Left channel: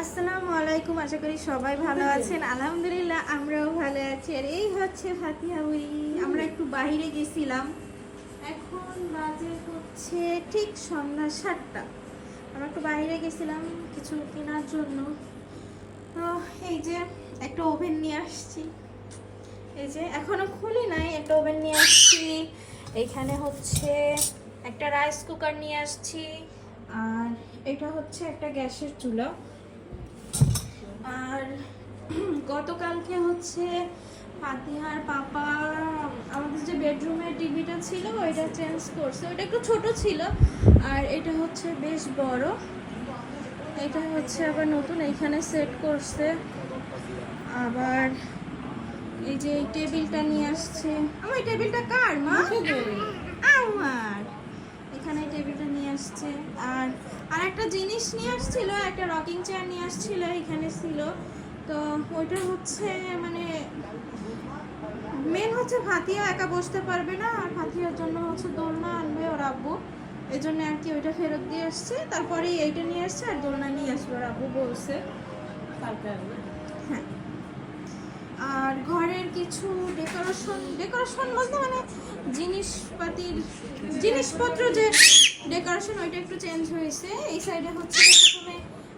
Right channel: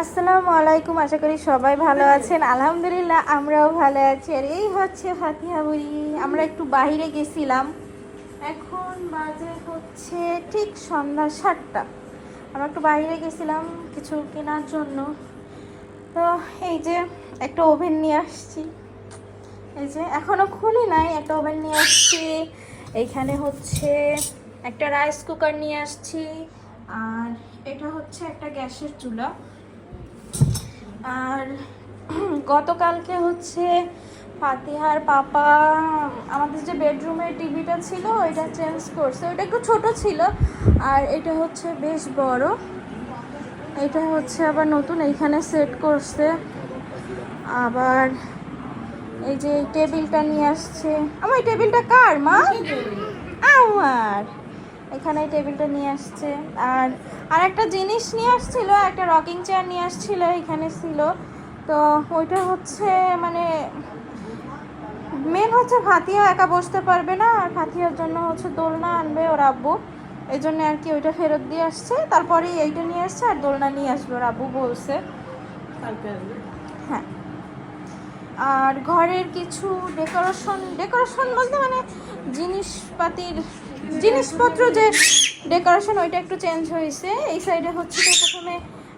আসসালামু আলাইকুম, আশা করি সবাই ভালো আছেন। আলহামদুলিল্লাহ আমরাও ভালো আছি। আর এই হচ্ছে ফাতিহা বুড়ি। আমরা একটু বাইরে গেছিলাম, এখন বাজে হচ্ছে ঠিক সন্ধ্যা 7টা। আমরা একটু বাইরে গেছিলাম কিছু কেনার জন্য। তো এই যে একটা ওভেন নিয়ে আসছি, এই যে এখনো খুলি নাই, একটা ওভেন নিয়ে আসছি। এইখানে হচ্ছে একটা রাইস কুকার নিয়ে আসছি, আর এটা হচ্ছে একটা গ্যাসের চুলা। আর গতকালকে হচ্ছে ফাতিহার পাপা আমাদের যে বেডরুমের টিভিটা ছিল ওইটা চেঞ্জ করছে, ওইটা একটু ছোট ছিল, আর এটা হচ্ছে বেশ বড়। এটা হচ্ছে আবার নতুন এইখানে সেট করছে। আবার এই যে এই টেবিলটা নিয়ে আসছে। আমার এই টেবিলটা কার মা? আমার। এখানে এই টেবিলটা নিয়ে আসছে। আর একটা জিনিস নিয়ে আসছিল, একটা রকিং চেয়ার নিয়ে আসছিল, এখানে ছিল। তো ওইটা হচ্ছে মানে মেন হচ্ছে ফাতিহা একা বসতে পারবে না, আর ফাতিহার জন্য হচ্ছে দোলনা আনবে ওর আব্বু, এই জন্য আর কি ওইটা ফেরত দিয়ে আসছে। তারপরে এইটা নিয়ে আসছে আর দোলনা নিয়ে আসবে ওর আব্বু বলছে। হ্যাঁ, আর ঘরের কিছু ডেকোরেশন বলতে মানে জিনিসপত্র যে ডেকোরেশন ওইটা একটু চেঞ্জ হয়েছে। এই সাইডে হচ্ছে তো প্রথমে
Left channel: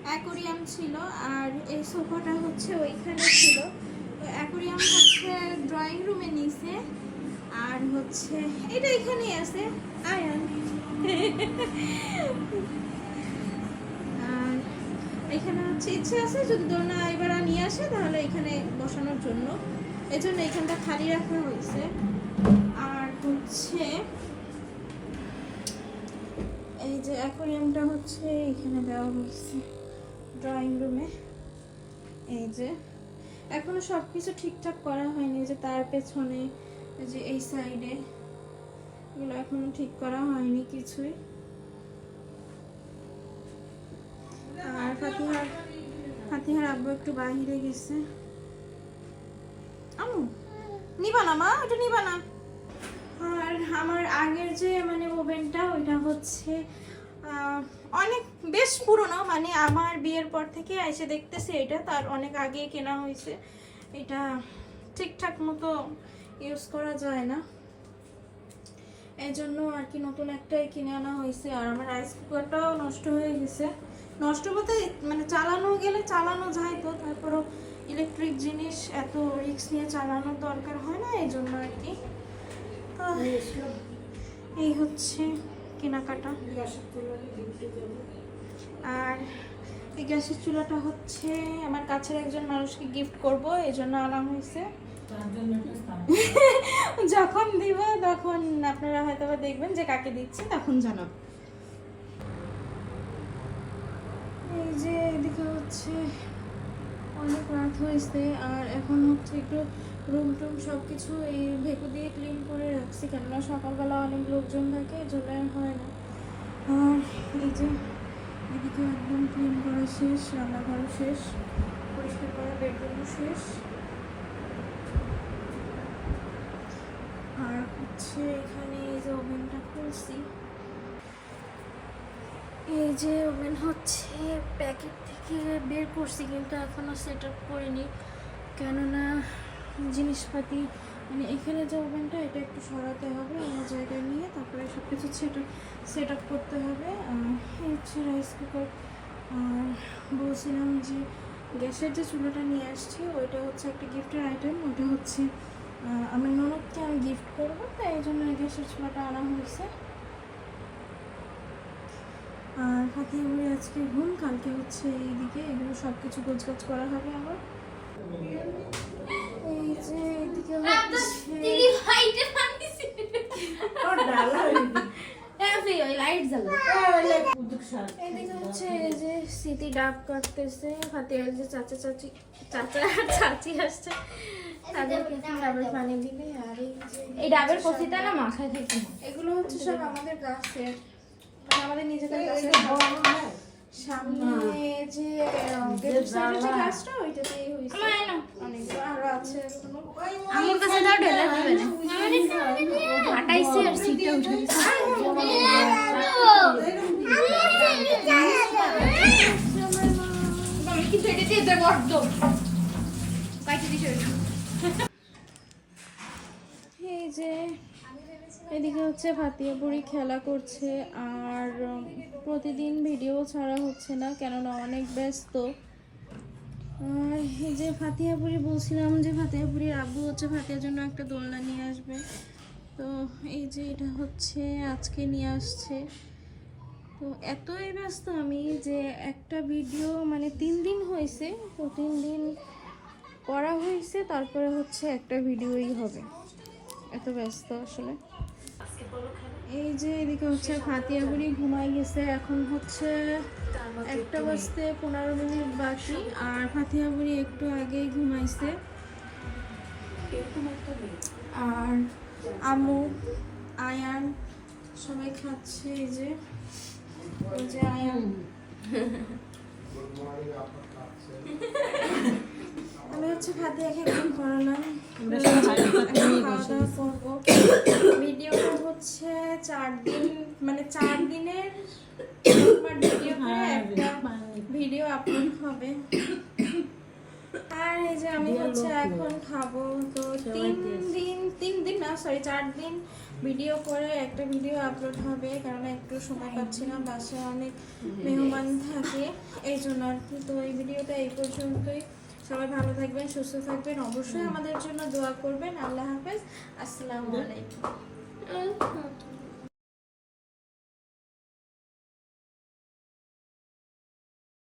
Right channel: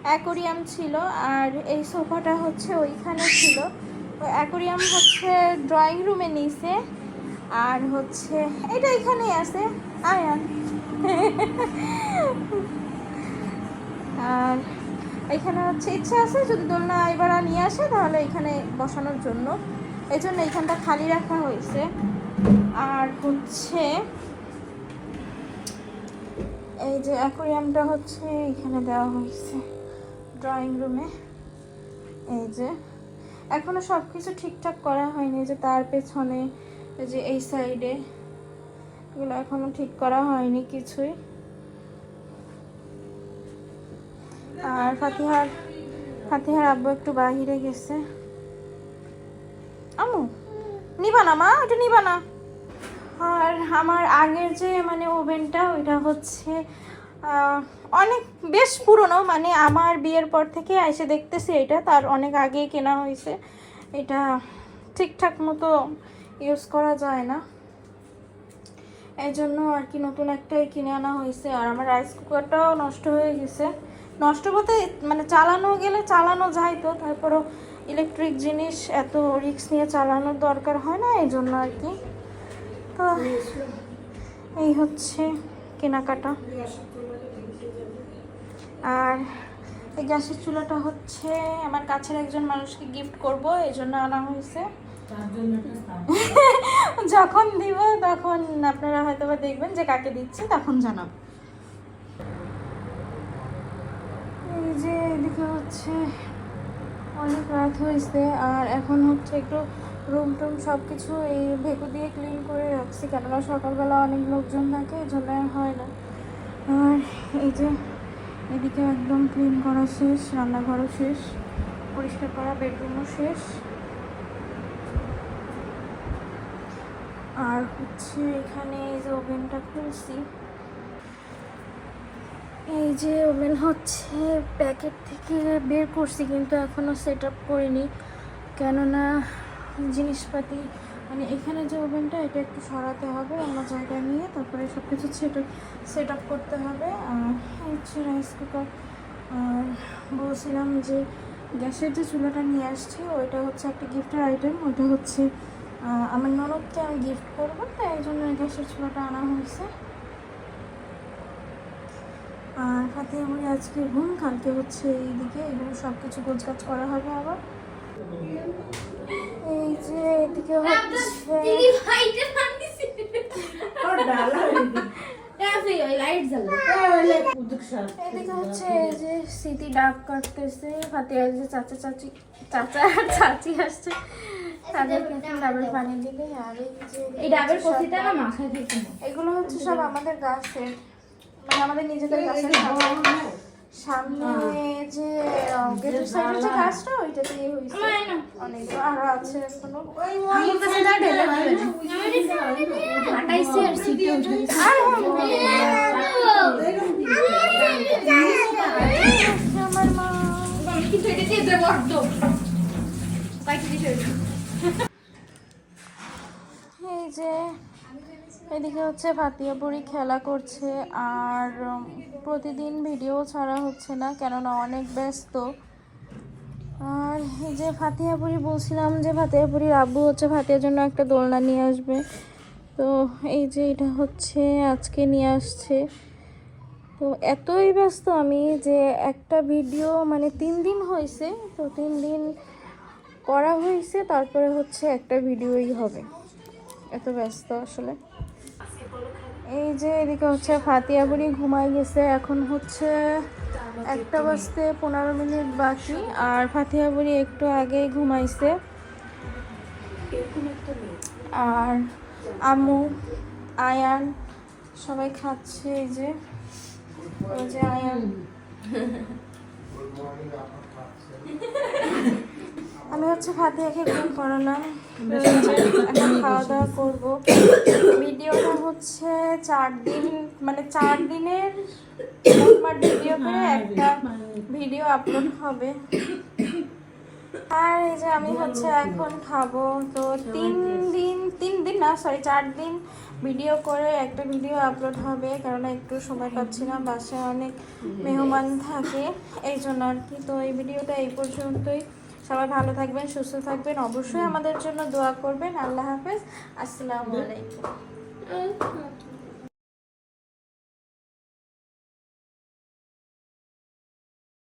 অ্যাকোরিয়াম ছিল, আর এই সোফাটা হচ্ছে ওইখানে ছিল। অ্যাকোরিয়াম হচ্ছে ড্রয়িং রুমে নিয়েছে, আর হচ্ছে এটা এখানেই আছে আয়ান। আর এখানে হচ্ছে ইচ্ছা আছে যদি দোলনা এবার নিয়ে আসে তাহলে এখানে বসানোর জন্য, এই জন্য এইখানটা খালি রাখা হয়েছে। আর হচ্ছে এই যে অ্যাকোরিয়ামটা হচ্ছে এখানে দেওয়া হয়েছে ড্রয়িং রুমে। এই যে এখনো সব কিছু ঠিকঠাক করা হয়নি, যে তার পেছনে যে এই সাইডে এগুলো এখনো ঠিক করা হয়নি কিছুই। আর ফাতিহার আব্বু একটু বাহিরে গেছে। আমু নিবা না মা, ওটা নিবা না। আর আমার আগের যে মানে ওভেনটা ওইটা হচ্ছে অনেক বেশ পুরনো, মানে আমার বিয়ের পর থেকে এসে দেখতেছি এটা তার অনেক আগে কেনা হয়েছে। এটা ঠিকঠাক মতো ইউজ করা যায় না, এই জন্য আর কি নতুন একটাই কিনে আনা হয়েছে। আর আমার রাইস কুকারটাও নষ্ট হয়ে গেছে। নষ্ট বলতে মানে চালানো গেলে চালানো যায়, তো তারপরও ইলেকট্রিক জিনিস এত রিস্ক নিয়ে চালানোর দরকার হয় না, এই জন্য আর কি। তো এই হচ্ছে কেনাকাটা। আর এই গ্যাসের চুলাটা হচ্ছে আমার কাছের একজন মানুষকে গিফট করব, এই জন্য আনা হয়েছে। যখন দিব তখন আপনারা হয়তো বা দেখবেন যে কাকে দিচ্ছে, তখন জানাবো। এই যে এদিকে হচ্ছে অনেক রাত হয়েছে, আর এখন হচ্ছে একটু রুম টুম সব কিছু এই ভেকু দিয়ে ক্লিন করে রাখছি, কেননা সকালবেলা অনেক লোকজন থাকে, এই জন্য হয় না। আর এই যে এদিকে একদম ক্লিন করা শেষ, রান্নাঘরও শেষ, পরিষ্কার করা বেডরুমও শেষ। আর হচ্ছে এখানে এই যে ওভেনটা খুলছি, এই যে ওভেন হচ্ছে প্যাকেট থেকে বের করছি, কিন্তু এখনও সেট আপ করিনি, কেননা জিনিসপাতি মানে এখানে যে ওভেনটা এটা একটু সরাতে হবে আমার জায়গা নিয়ে, তারপরে সব কিছু সেট আপ করতে হবে। আর হচ্ছে রাইস কুকার। আর বলছিলাম যে গ্যাসের যে চুলাটা নিয়ে আসছি ওইটা হচ্ছে একটা গিফটের আইটেম, ওটা হচ্ছে আমার ননদকে আমি গিফট করবো, তাই এই জন্য গ্যাসের চুলাটা আনা হয়েছে। আর ফাতিহা বুড়ি আজকে ঘুম, কালকে হচ্ছে এইদিকে এগুলো সব কিছু গোছগাছ করা হবে আবার। এই যে এদিকে হচ্ছে এই যে স্মৃতি ডাব কাটতেছে, ফাতিহার যে চাচা আর চাচি আসছে তাদেরকে ডাবের পানি দিলে। আর এই ডাবের কচিটা না মাথায় থেকে না, এগুলো হচ্ছে সব আমাদের গাছের, মানে আমাদের নিজেদের গাছের। সামনে যে গেটের সাইডে যে গাছটা ওইটাতেই হয়েছে অনেক, আর আছে এখনো। আমার কাছে না ঢেলে দিবে না, ফাটাইছে আর সিটে উঠে গেছে। আমার মা এটা বড্ড কাইতে দিছে। এই যে এদিকে হচ্ছে ভাতিয়া বুড়ি খেলা করছে, আর প্রতিদিন ভিডিও ছাড়া হচ্ছে না কেননা অনেক ব্যস্ত। আর এই যে ভাতিয়া বুড়ি, বলছিলাম যে ভাতিয়া বুড়ির আব্বু হচ্ছে ভাতিয়ার জন্য একটা দোলনা নিয়ে আসবে, তো এই যে এটা হচ্ছে আজকে নিয়ে আসছে। তো এতই ব্যস্ত আমি যে একটা ভিডিও মানে 3 দিন হয়েছে, তো 3 দিন করা হয়েছে, তারপরে হচ্ছে একটা ভিডিওই হবে, এত ব্যস্ত আসলে। এই যে এদিকে হচ্ছে ফাতিয়া বুড়ি ঘুমাই গেছে, এখন হচ্ছে 1:15 বাকি, আর ফাতিয়া বুড়ি একটু আগেই ঘুমাইছে। আর আম্মু, আয়ান সবাই খাচ্ছে। এই যে ওই যে আয়ান, আমি হচ্ছে ফাতিয়াকে ঘুম করালাম, এখন খাওয়া দাওয়া করবো। ভিডিওটা হচ্ছে 4 দিন, মানে 4 দিনের ভিডিও করে একটা ভিডিও আপলোড হবে। আর এই যে আমি হচ্ছে এখন খাবো, তো 4 দিন ভিডিও করে একটা ভিডিও আপলোড হবে, কারণ একটু সময় পাচ্ছি না, বাসায় অনেক মেহমান থাকে এই জন্য আর কি। তো এই ভিডিওটা এই পর্যন্তই। সবাই ভালো থাকবেন, সুস্থ থাকবেন, অবশ্যই আমাদের জন্য দোয়া করবেন। আল্লাহ হাফেজ, আসসালামু আলাইকুম।